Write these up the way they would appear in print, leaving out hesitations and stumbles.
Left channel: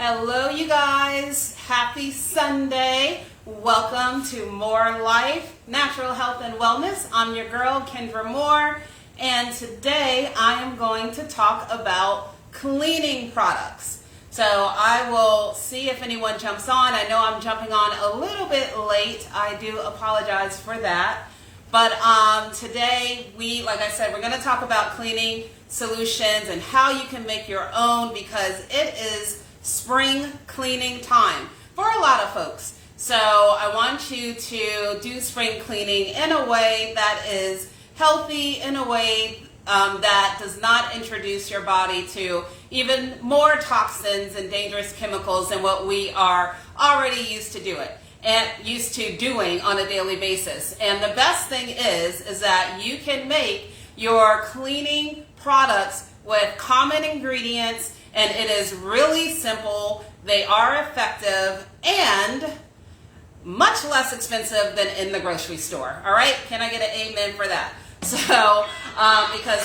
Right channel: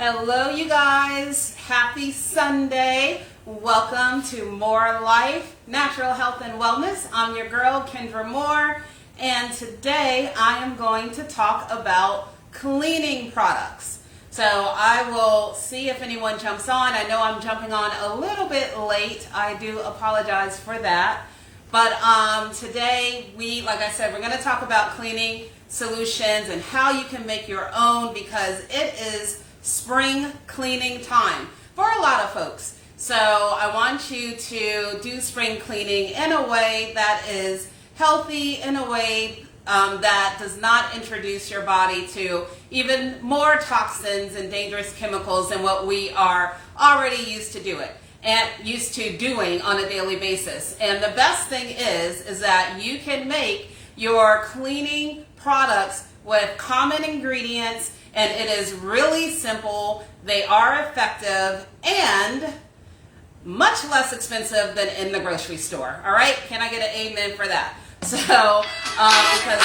Hello, you guys. Happy Sunday. Welcome to More Life, Natural Health and Wellness. I'm your girl, Kendra Moore, and today I am going to talk about cleaning products. So I will see if anyone jumps on. I know I'm jumping on a little bit late. I do apologize for that. But today, like I said, we're going to talk about cleaning solutions and how you can make your own, because it is spring cleaning time for a lot of folks. So I want you to do spring cleaning in a way that is healthy, in a way that does not introduce your body to even more toxins and dangerous chemicals than what we are already used to doing on a daily basis. And the best thing is that you can make your cleaning products with common ingredients, and it is really simple. They are effective and much less expensive than in the grocery store. All right? Can I get an amen for that? So, because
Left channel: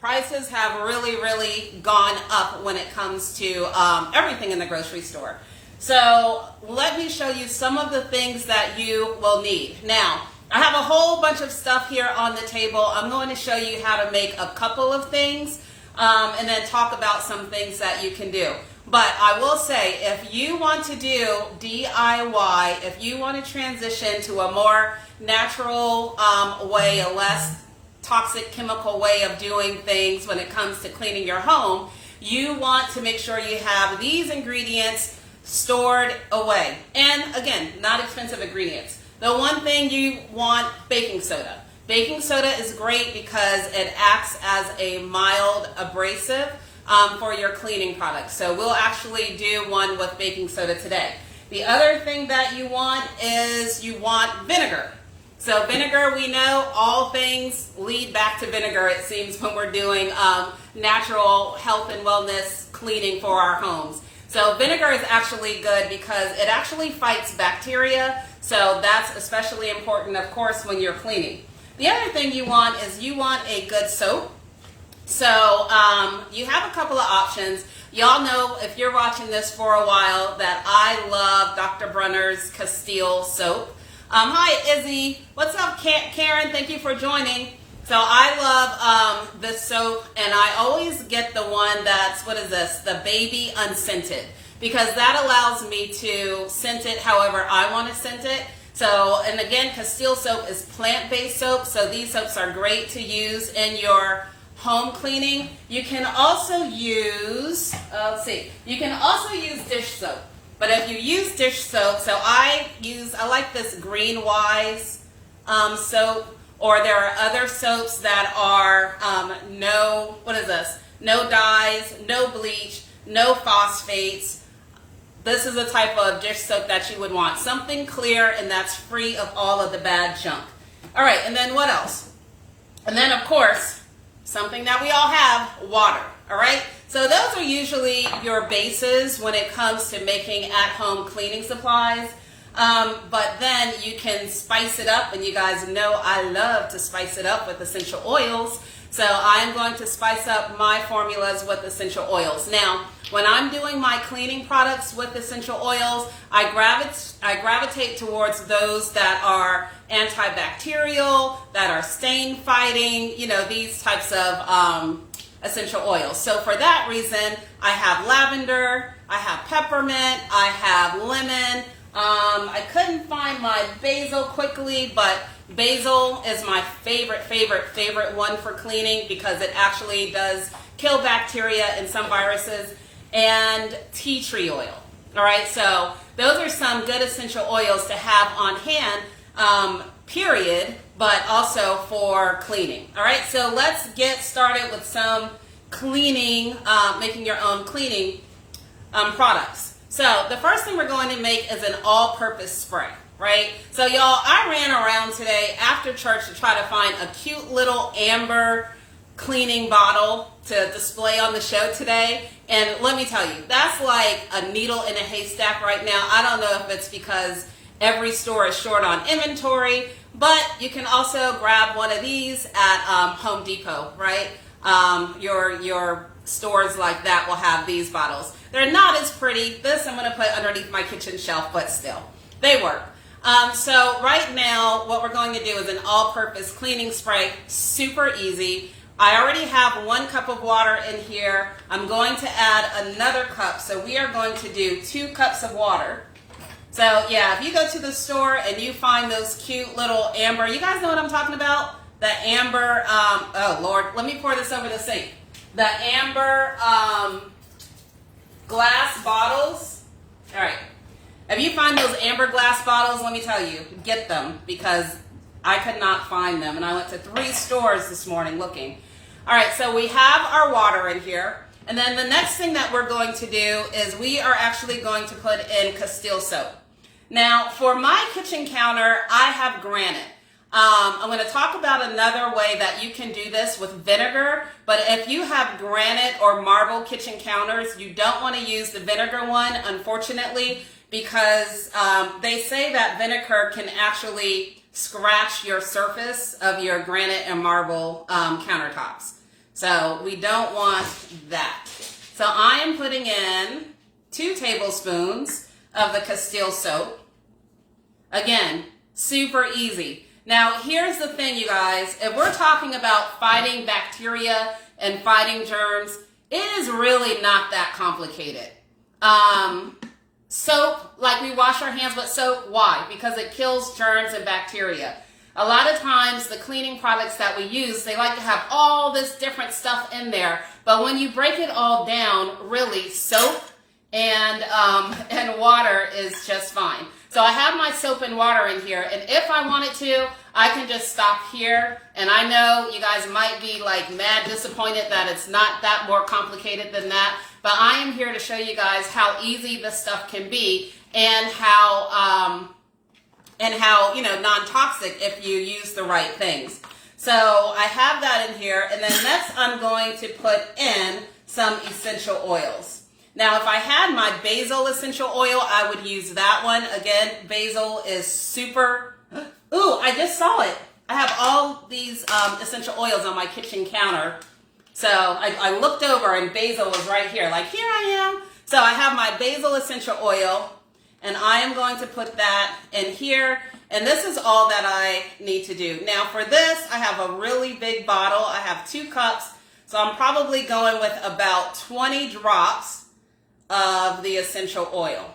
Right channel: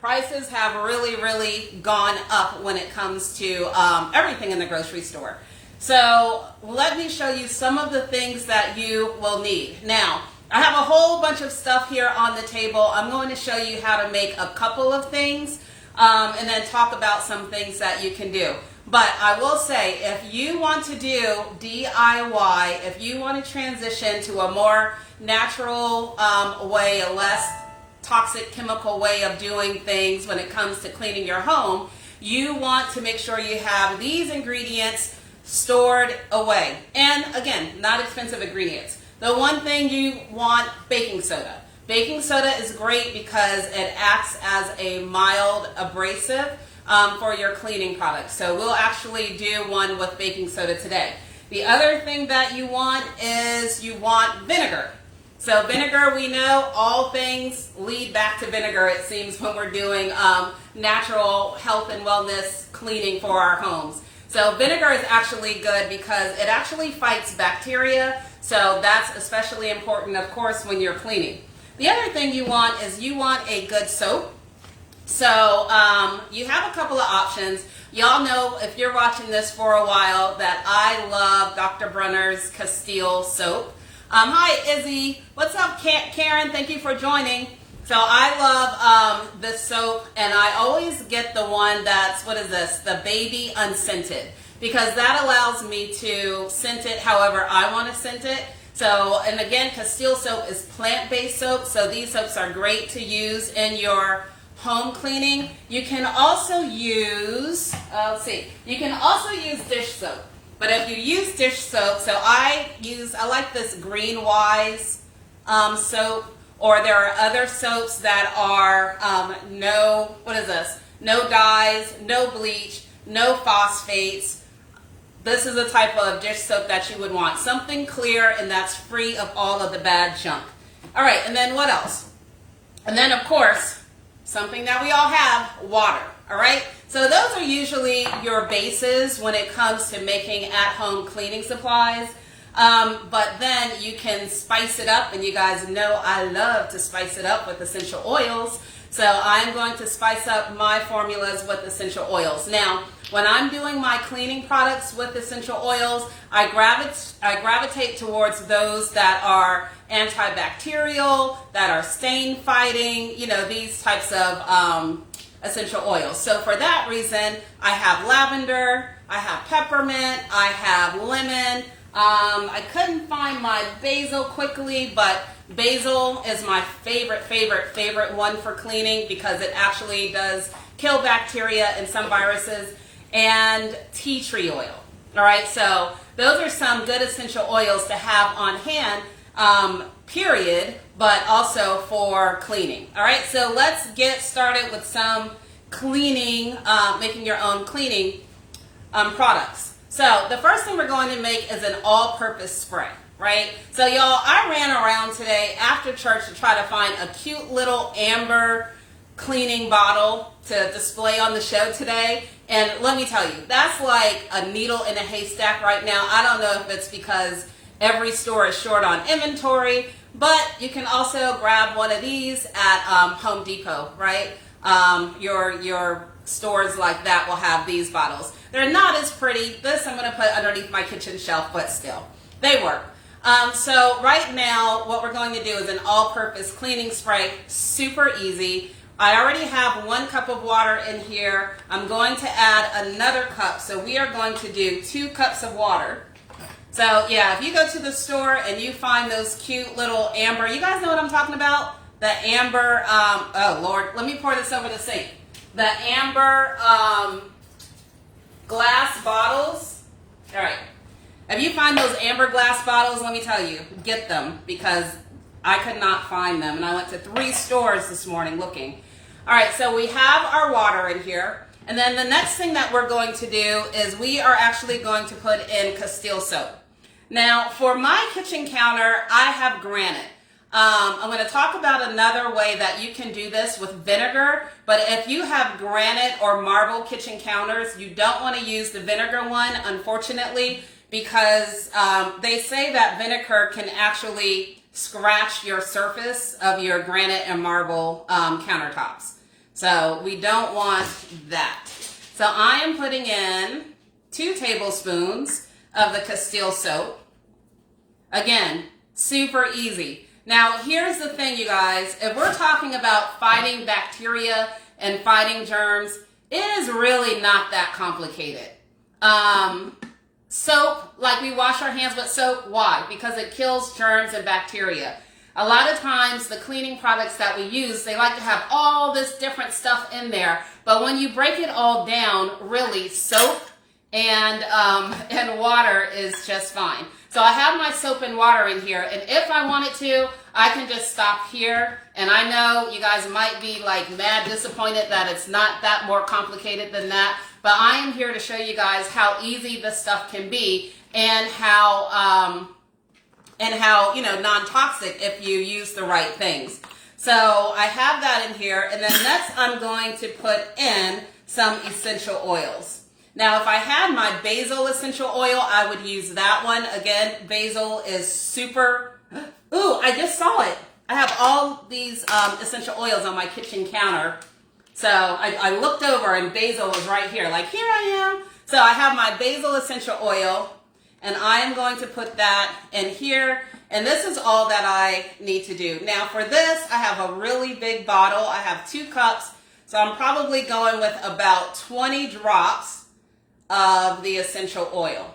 prices have really gone up when it comes to everything in the grocery store. So let me show you some of the things that you will need. Now, I have a whole bunch of stuff here on the table. I'm going to show you how to make a couple of things and then talk about some things that you can do. But I will say, if you want to do DIY, if you want to transition to a more natural way, a less toxic chemical way of doing things when it comes to cleaning your home, you want to make sure you have these ingredients stored away. And again, not expensive ingredients. The one thing you want, baking soda. Baking soda is great because it acts as a mild abrasive for your cleaning products. So we'll actually do one with baking soda today. The other thing that you want is you want vinegar. So vinegar, we know all things lead back to vinegar, it seems, when we're doing natural health and wellness cleaning for our homes. So vinegar is actually good because it actually fights bacteria. So that's especially important, of course, when you're cleaning. The other thing you want is you want a good soap. So you have a couple of options. Y'all know, if you're watching this for a while, that I love Dr. Bronner's Castile soap. Hi, Izzy. What's up, Karen? Thank you for joining. So I love this soap, and I always get the one that's, what is this? The baby unscented, because that allows me to scent it however I want to scent it. So, and again, Castile soap is plant-based soap, so these soaps are great to use in your home cleaning. You can also use, you can also use dish soap. But if you use dish soap, so I like this Green Wise soap, or there are other soaps that are no dyes, no bleach, no phosphates. This is a type of dish soap that you would want. Something clear and that's free of all of the bad junk. All right, and then what else? And then, of course, something that we all have, water. All right? So those are usually your bases when it comes to making at-home cleaning supplies. But then you can spice it up, and you guys know I love to spice it up with essential oils. So I'm going to spice up my formulas with essential oils. Now, when I'm doing my cleaning products with essential oils, I gravitate towards those that are antibacterial, that are stain fighting, these types of essential oils. So for that reason, I have lavender, I have peppermint, I have lemon. I couldn't find my basil quickly, but basil is my favorite one for cleaning because it actually does kill bacteria and some viruses. And tea tree oil. All right, so those are some good essential oils to have on hand, period, but also for cleaning. All right, so let's get started with some cleaning, making your own cleaning products. So the first thing we're going to make is an all-purpose spray, right? So y'all, I ran around today after church to try to find a cute little amber cleaning bottle to display on the show today. And let me tell you, that's like a needle in a haystack right now. I don't know if it's because every store is short on inventory, but you can also grab one of these at Home Depot, right? Your stores like that will have these bottles. They're not as pretty. This I'm going to put underneath my kitchen shelf, but still, they work. So right now, what we're going to do is an all-purpose cleaning spray. Super easy. I already have 1 cup of water in here. I'm going to add another cup. So we are going to do 2 cups of water. So yeah, if you go to the store and you find those cute little amber, you guys know what I'm talking about? The amber, oh Lord, let me pour this over the sink. The amber glass bottles. All right. If you find those amber glass bottles, let me tell you, get them, because I could not find them. And I went to 3 stores this morning looking. All right, so we have our water in here. And then the next thing that we're going to do is we are actually going to put in Castile soap. Now, for my kitchen counter, I have granite. I'm going to talk about another way that you can do this with vinegar, but if you have granite or marble kitchen counters, you don't want to use the vinegar one, unfortunately, because they say that vinegar can actually scratch your surface of your granite and marble countertops. So we don't want that. So I am putting in 2 tablespoons of the Castile soap. Again, super easy. Now, here's the thing, you guys. If we're talking about fighting bacteria and fighting germs, it is really not that complicated. Soap, like we wash our hands with soap, why? Because it kills germs and bacteria. A lot of times, the cleaning products that we use, they like to have all this different stuff in there. But when you break it all down, really, soap and water is just fine. So I have my soap and water in here, and if I wanted to, I can just stop here. And I know you guys might be like mad disappointed that it's not that more complicated than that, but I am here to show you guys how easy this stuff can be and how non-toxic if you use the right things. So I have that in here, and then next I'm going to put in some essential oils. Now, if I had my basil essential oil, I would use that one. Again, basil is super... Ooh, I just saw it. I have all these essential oils on my kitchen counter. So I looked over and basil was right here. Like, here I am. So I have my basil essential oil, and I am going to put that in here. And this is all that I need to do. Now, for this, I have a really big bottle. I have 2 cups. So I'm probably going with about 20 drops of the essential oil,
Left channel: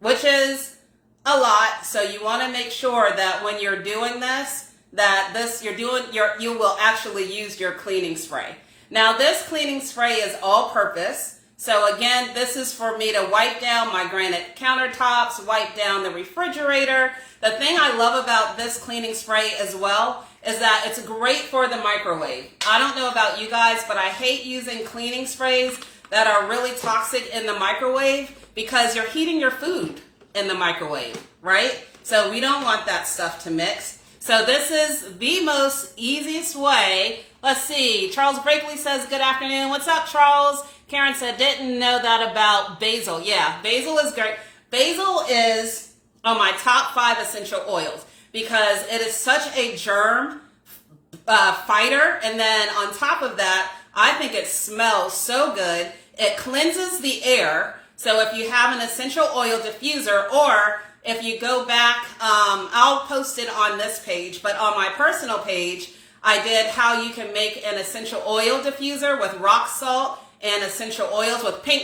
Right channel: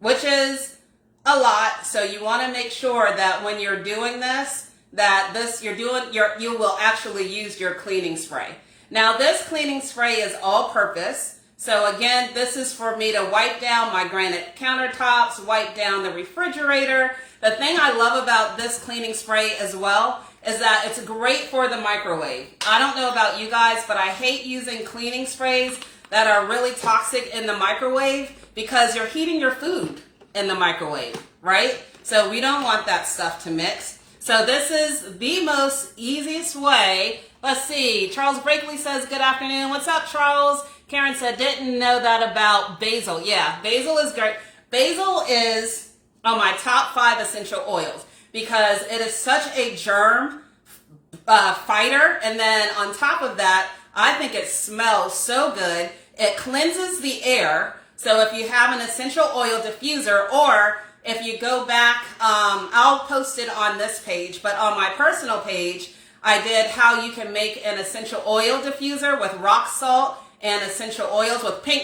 which is a lot. So you want to make sure that when you're doing this, you will actually use your cleaning spray. Now, this cleaning spray is all purpose. So again, this is for me to wipe down my granite countertops, wipe down the refrigerator. The thing I love about this cleaning spray as well is that it's great for the microwave. I don't know about you guys, but I hate using cleaning sprays that are really toxic in the microwave because you're heating your food in the microwave, right? So we don't want that stuff to mix. So this is the most easiest way. Let's see. Charles Brakely says, good afternoon. What's up, Charles? Karen said, didn't know that about basil. Yeah, basil is great. Basil is on my top 5 essential oils because it is such a germ fighter. And then on top of that, I think it smells so good. It cleanses the air. So if you have an essential oil diffuser, or if you go back, I'll post it on this page, but on my personal page, I did how you can make an essential oil diffuser with rock salt and essential oils with pink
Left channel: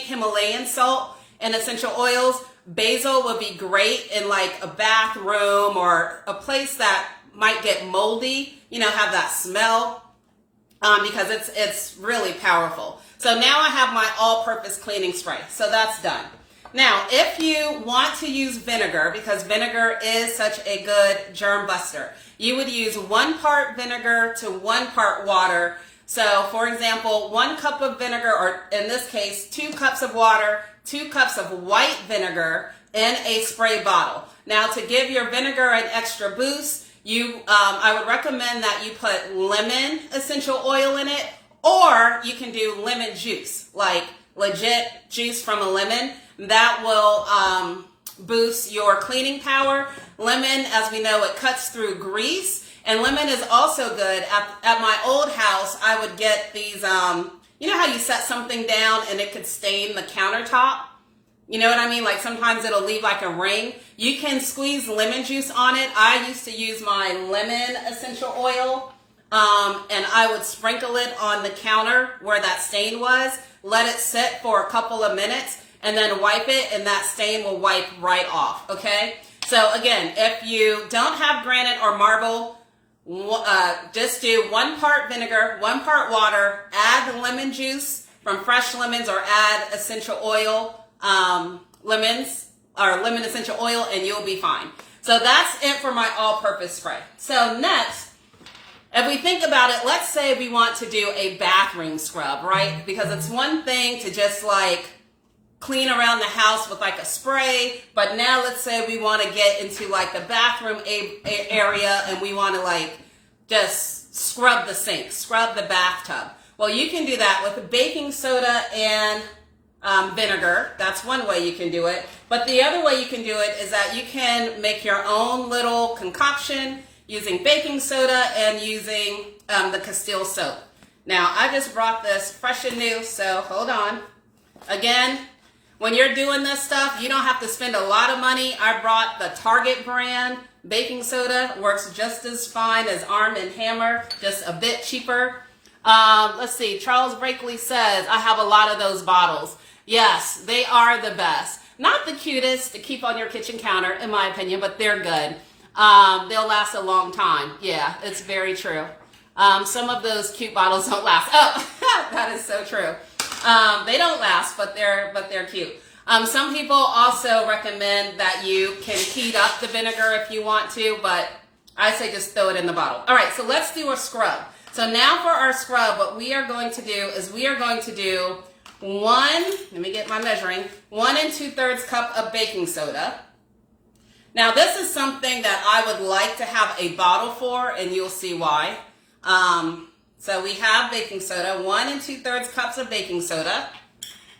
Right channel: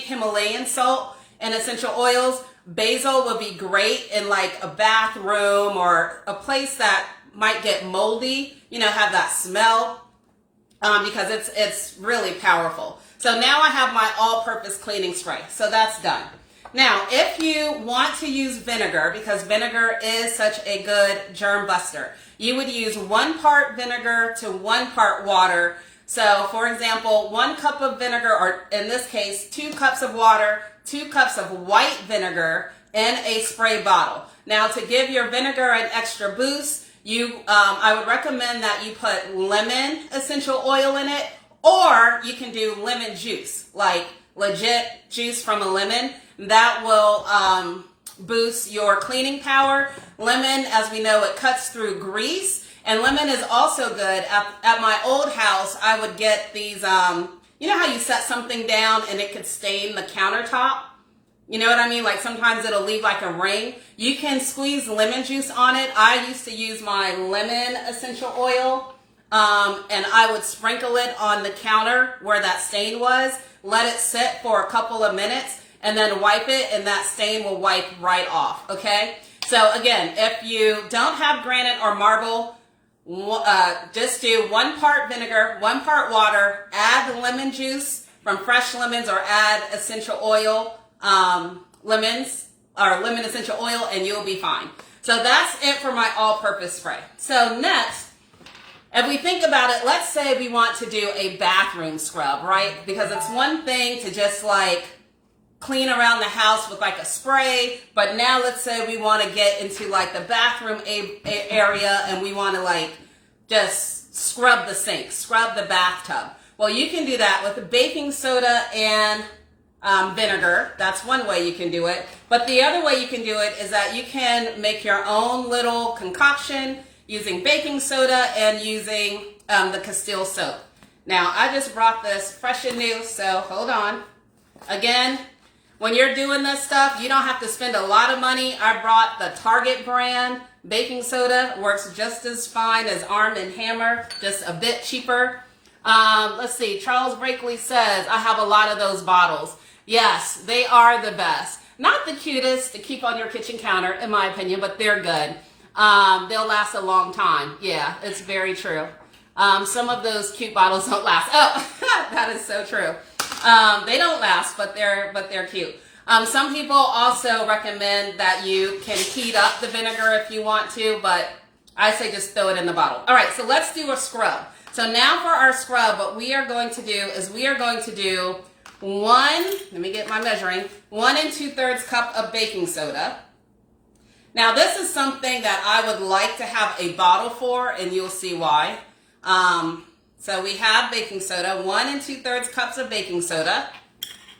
Himalayan salt and essential oils. Basil would be great in like a bathroom or a place that might get moldy, have that smell. Because it's really powerful. So now I have my all-purpose cleaning spray. So that's done. Now, if you want to use vinegar, because vinegar is such a good germ buster, you would use 1 part vinegar to 1 part water. So, for example, 1 cup of vinegar, or in this case, 2 cups of water, 2 cups of white vinegar in a spray bottle. Now, to give your vinegar an extra boost, I would recommend that you put lemon essential oil in it, or you can do lemon juice, like legit juice from a lemon. That will boost your cleaning power. Lemon, as we know, it cuts through grease, And lemon is also good. At my old house, I would get these, you know how you set something down and it could stain the countertop? You know what I mean? Like sometimes it'll leave like a ring. You can squeeze lemon juice on it. I used to use my lemon essential oil, and I would sprinkle it on the counter where that stain was, let it sit for a couple of minutes, and then wipe it, and that stain will wipe right off, okay? So again, if you don't have granite or marble, just do 1 part vinegar, 1 part water, add lemon juice from fresh lemons, or add essential oil, lemons, or lemon essential oil, and you'll be fine. So that's it for my all-purpose spray. So next, if we think about it, let's say we want to do a bathroom scrub, right? Because it's one thing to just like clean around the house with like a spray, but now let's say we want to get into like the bathroom area and we want to like just scrub the sink, scrub the bathtub. Well, you can do that with baking soda and vinegar. That's one way you can do it. But the other way you can do it is that you can make your own little concoction using baking soda and using the Castile soap. Now, I just brought this fresh and new, so hold on. Again, when you're doing this stuff, you don't have to spend a lot of money. I brought the Target brand baking soda. Works just as fine as Arm & Hammer, just a bit cheaper. Let's see, Charles Brakely says, I have a lot of those bottles. Yes, they are the best. Not the cutest to keep on your kitchen counter, in my opinion, but they're good. They'll last a long time. Yeah, it's very true. Some of those cute bottles don't last. Oh, that is so true. They don't last, but they're cute. Some people also recommend that you can heat up the vinegar if you want to, but I say just throw it in the bottle. All right, so let's do a scrub. So now for our scrub, what we are going to do is we are going to do 1 2/3 cup of baking soda. Now this is something that I would like to have a bottle for, and you'll see why. So we have baking soda, 1 2/3 cups of baking soda.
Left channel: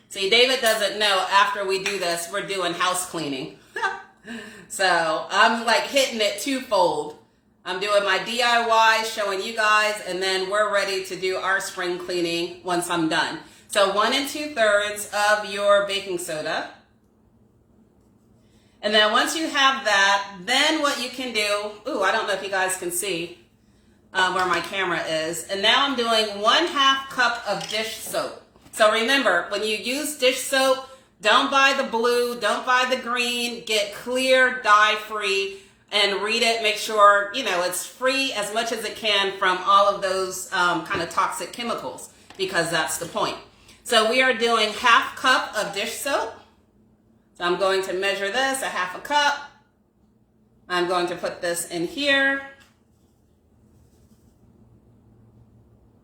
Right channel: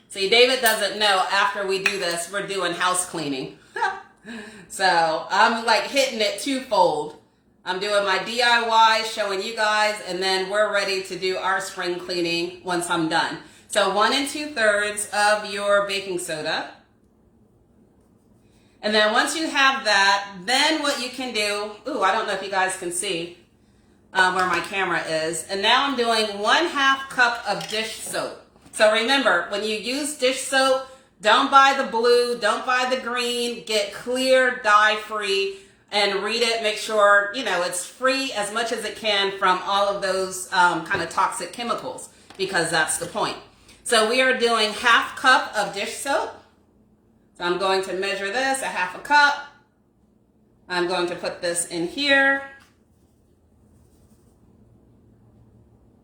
See, David doesn't know after we do this, we're doing house cleaning. So I'm like hitting it twofold. I'm doing my DIY, showing you guys, and then we're ready to do our spring cleaning once I'm done. So 1 2/3 of your baking soda. And then once you have that, then what you can do, ooh, I don't know if you guys can see where my camera is. And now I'm doing 1/2 cup of dish soap. So remember, when you use dish soap, don't buy the blue, don't buy the green, get clear, dye-free, and read it. Make sure, you know, it's free as much as it can from all of those kind of toxic chemicals, because that's the point. So we are doing 1/2 cup of dish soap. So I'm going to measure this, 1/2 cup. I'm going to put this in here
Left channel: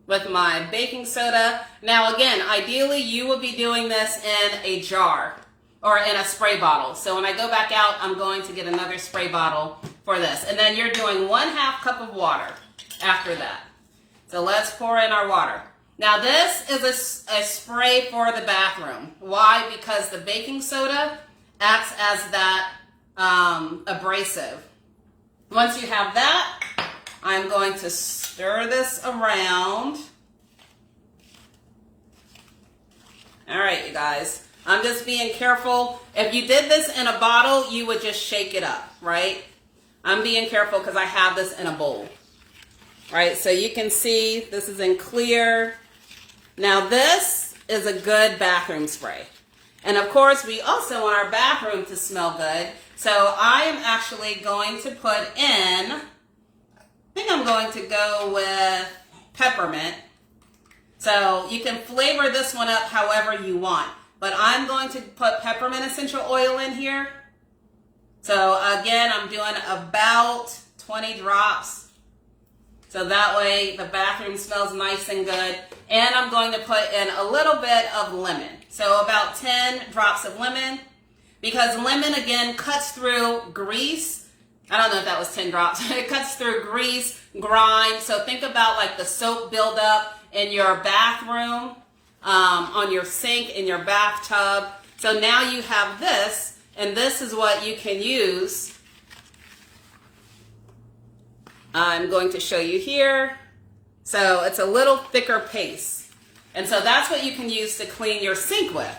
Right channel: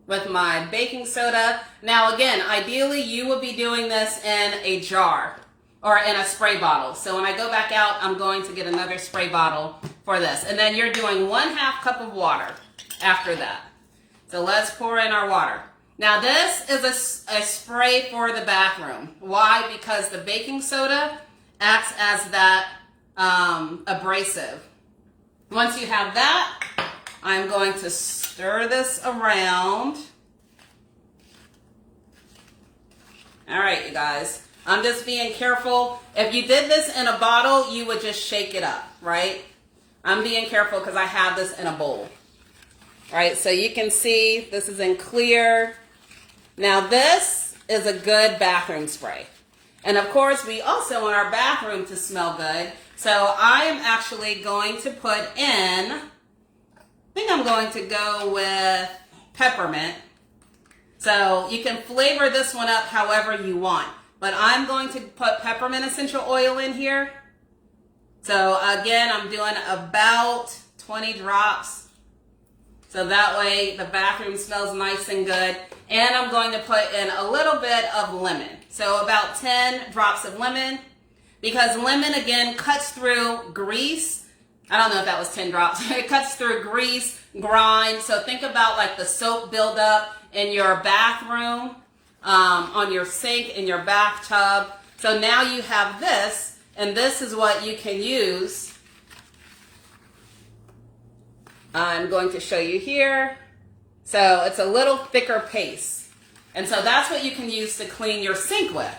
with my baking soda. Now again, ideally you would be doing this in a jar or in a spray bottle. So when I go back out, I'm going to get another spray bottle for this. And then you're doing 1/2 cup of water after that. So let's pour in our water. Now this is a spray for the bathroom. Why? Because the baking soda acts as that abrasive. Once you have that, I'm going to stir this around. All right, you guys. I'm just being careful. If you did this in a bottle, you would just shake it up, right? I'm being careful because I have this in a bowl. Right, so you can see this is in clear. Now this is a good bathroom spray. And of course, we also want our bathroom to smell good. So I am actually going to put in, I think I'm going to go with peppermint. So you can flavor this one up however you want. But I'm going to put peppermint essential oil in here. So again, I'm doing about 20 drops. So that way the bathroom smells nice and good. And I'm going to put in a little bit of lemon. So about 10 drops of lemon. Because lemon, again, cuts through grease. I don't know if that was 10 drops. It cuts through grease, grime. So think about like the soap buildup in your bathroom, on your sink, in your bathtub. So now you have this, and this is what you can use I'm going to show you here. So it's a little thicker paste. And so that's what you can use to clean your sink with.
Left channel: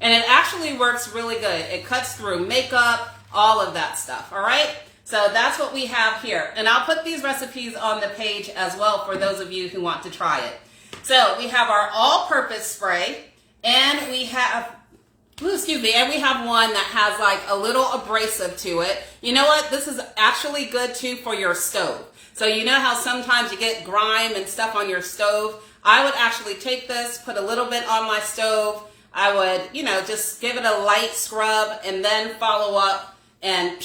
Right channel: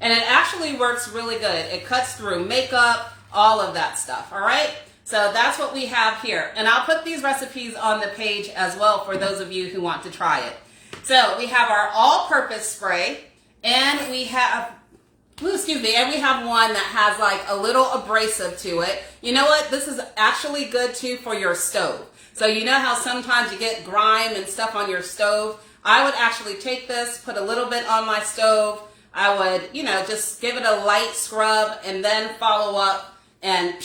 And it actually works really good. It cuts through makeup, all of that stuff, all right? So that's what we have here. And I'll put these recipes on the page as well for those of you who want to try it. So we have our all-purpose spray, and we have, and we have one that has like a little abrasive to it. You know what? This is actually good too for your stove. So you know how sometimes you get grime and stuff on your stove? I would actually take this, put a little bit on my stove. I would, just give it a light scrub and then follow up and,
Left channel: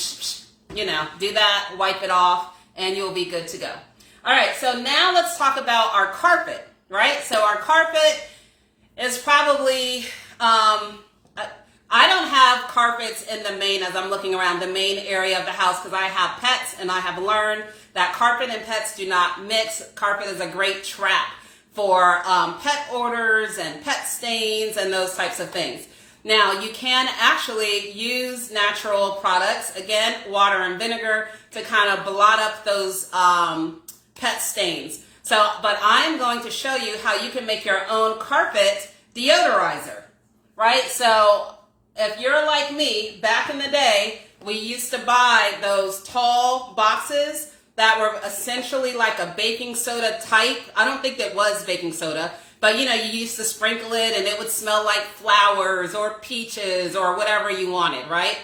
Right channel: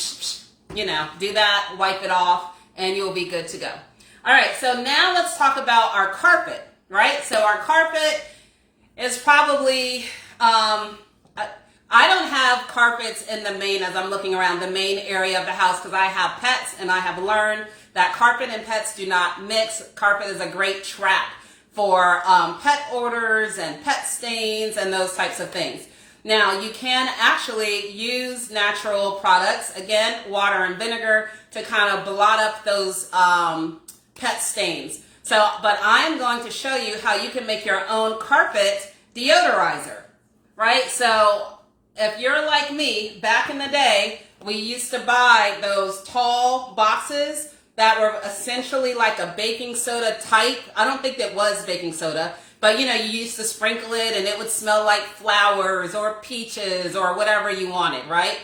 do that, wipe it off, and you'll be good to go. All right, so now let's talk about our carpet, right? So our carpet is probably, I don't have carpets in the main, as I'm looking around the main area of the house, because I have pets and I have learned that carpet and pets do not mix. Carpet is a great trap for pet odors and pet stains and those types of things. Now, you can actually use natural products, again, water and vinegar, to kind of blot up those pet stains. So, but I'm going to show you how you can make your own carpet deodorizer, right? So, if you're like me, back in the day, we used to buy those tall boxes that were essentially like a baking soda type. I don't think that was baking soda, but you used to sprinkle it and it would smell like flowers or peaches or whatever you wanted, right?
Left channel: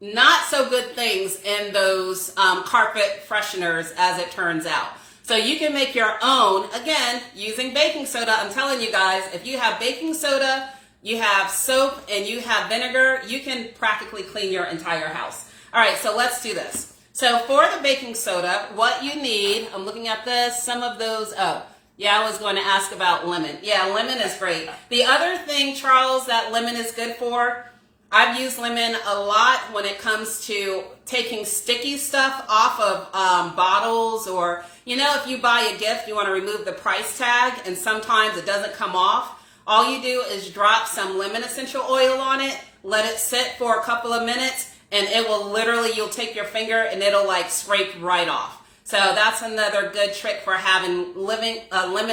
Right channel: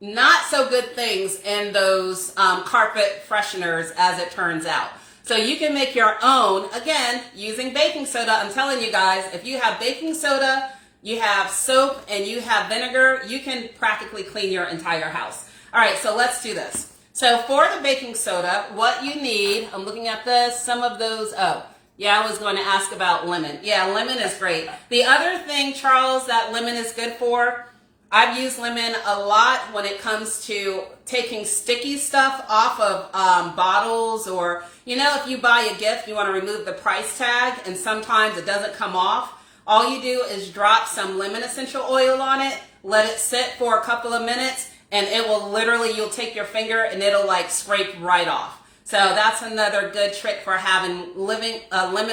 Not so good things in those carpet fresheners, as it turns out. So you can make your own, again, using baking soda. I'm telling you guys, if you have baking soda, you have soap, and you have vinegar, you can practically clean your entire house. All right, so let's do this. So for the baking soda, what you need, I'm looking at this, some of those, I was going to ask about lemon. Yeah, lemon is great. The other thing, Charles, that lemon is good for, I've used lemon a lot when it comes to taking sticky stuff off of bottles, or, if you buy a gift, you want to remove the price tag, and sometimes it doesn't come off. All you do is drop some lemon essential oil on it, let it sit for a couple of minutes, and it will literally, you'll take your finger and it'll like scrape right off. So that's another good trick for having lemon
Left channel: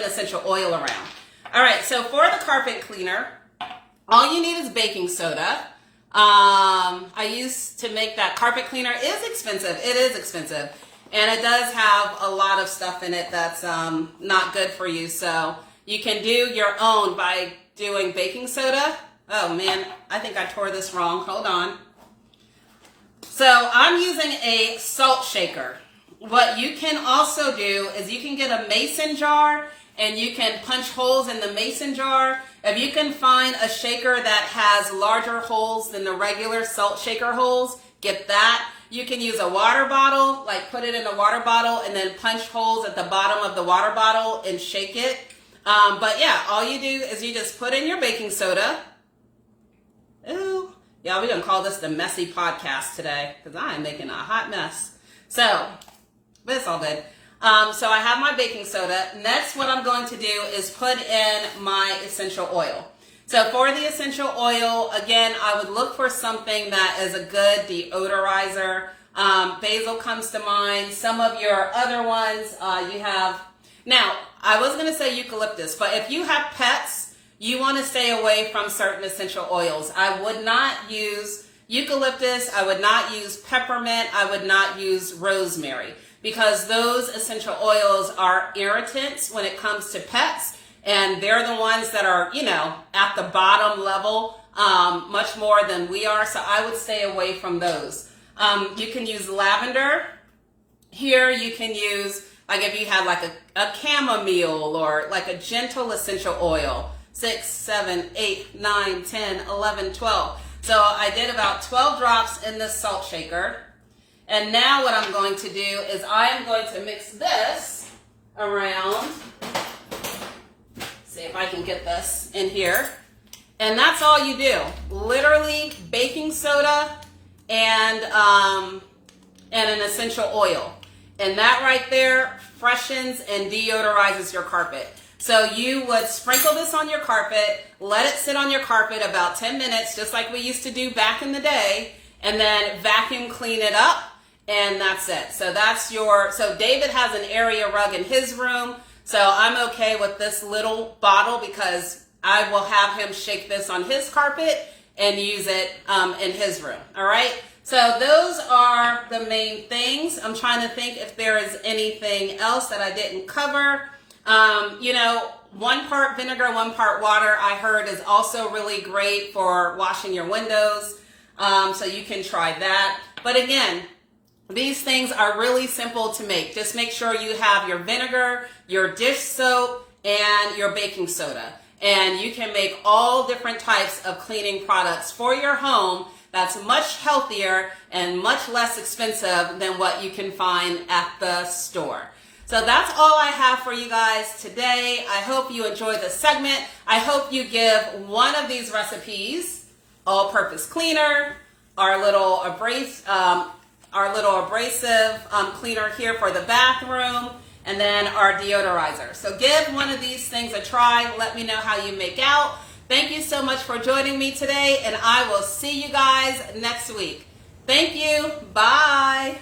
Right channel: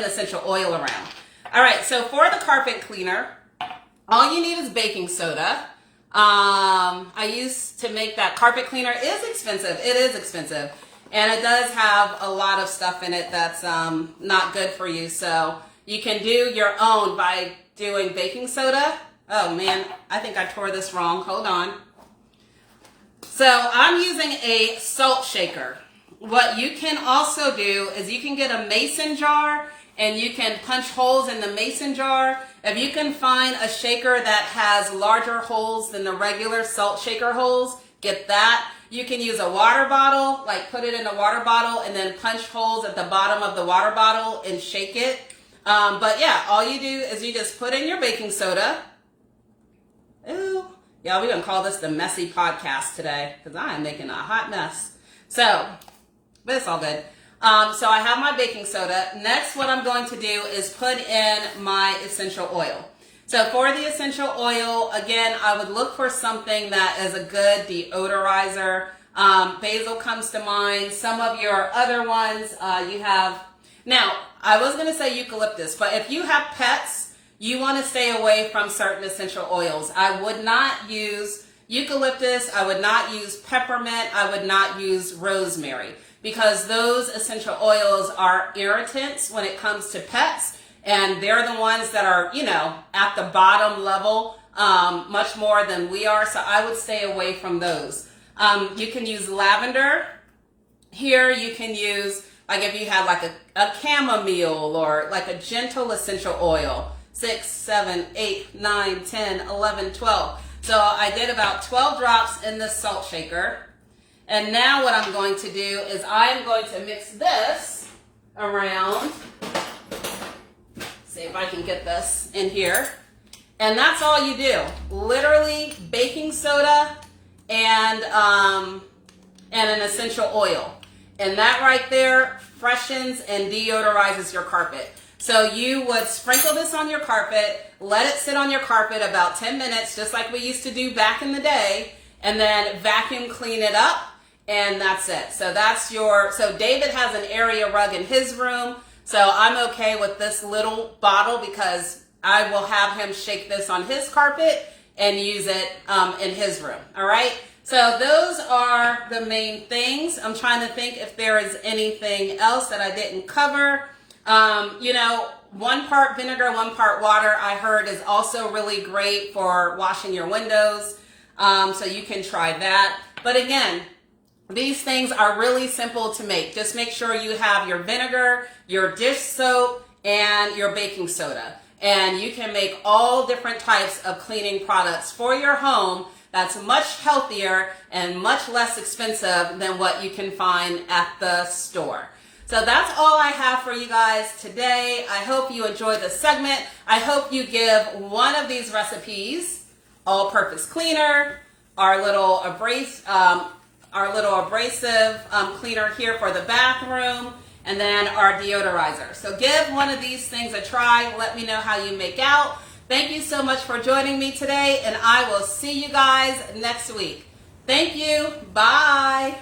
essential oil around. All right, so for the carpet cleaner, all you need is baking soda. I used to make that carpet cleaner. It is expensive. It is expensive. And it does have a lot of stuff in it that's not good for you. So you can do your own by doing baking soda. Oh man, I think I tore this wrong. Hold on. So I'm using a salt shaker. What you can also do is you can get a mason jar and you can punch holes in the mason jar. If you can find a shaker that has larger holes than the regular salt shaker holes, get that. You can use a water bottle, like put it in a water bottle and then punch holes at the bottom of the water bottle and shake it. But yeah, all you do is you just put in your baking soda. Ooh. Yeah, we're going to call this the messy podcast today because I am making a hot mess. So, but it's all good. So I have my baking soda. Next, what I'm going to do is put in my essential oil. So for the essential oil, again, I would look for something that is a good deodorizer. Basil comes to mind. Some of your other ones you have. Now, I was going to say eucalyptus, but if you have pets, you want to stay away from certain essential oils. I would not use eucalyptus. I would not use peppermint. I would not use rosemary because those essential oils are irritants when it comes to pets. And they're the ones that are, at the bottom level much more than we are. So I would stay away from those. You can use lavender. Here you can use, like if you have like a chamomile or like a gentle essential oil. 6, 7, 8, 9, 10, 11, 12. So I did about 12 drops in the salt shaker. And now what I'm going to do is I am going to mix this around. See if I can get this in here. And that's all you do. Literally baking soda and an essential oil. And that right there freshens and deodorizes your carpet. So you would sprinkle this on your carpet, let it sit on your carpet about 10 minutes, just like we used to do back in the day, and then vacuum clean it up. and that's it. So so David has an area rug in his room, so I'm okay with this little bottle because I will have him shake this on his carpet and use it in his room. All right. So those are the main things. I'm trying to think if there is anything else that I didn't cover. 1 part vinegar, 1 part water, I heard is also really great for washing your windows. So you can try that. But again, these things are really simple to make. Just make sure you have your vinegar, your dish soap, and your baking soda. And you can make all different types of cleaning products for your home that's much healthier and much less expensive than what you can find at the store. So that's all I have for you guys today. I hope you enjoyed this segment. I hope you give one of these recipes, all-purpose cleaner, our little abrasive cleaner here for the bathroom, and then our deodorizer. So give one of these things a try. Let me know how you make out. Thank you so much for joining me today, and I will see you guys next week. Thank you. Bye.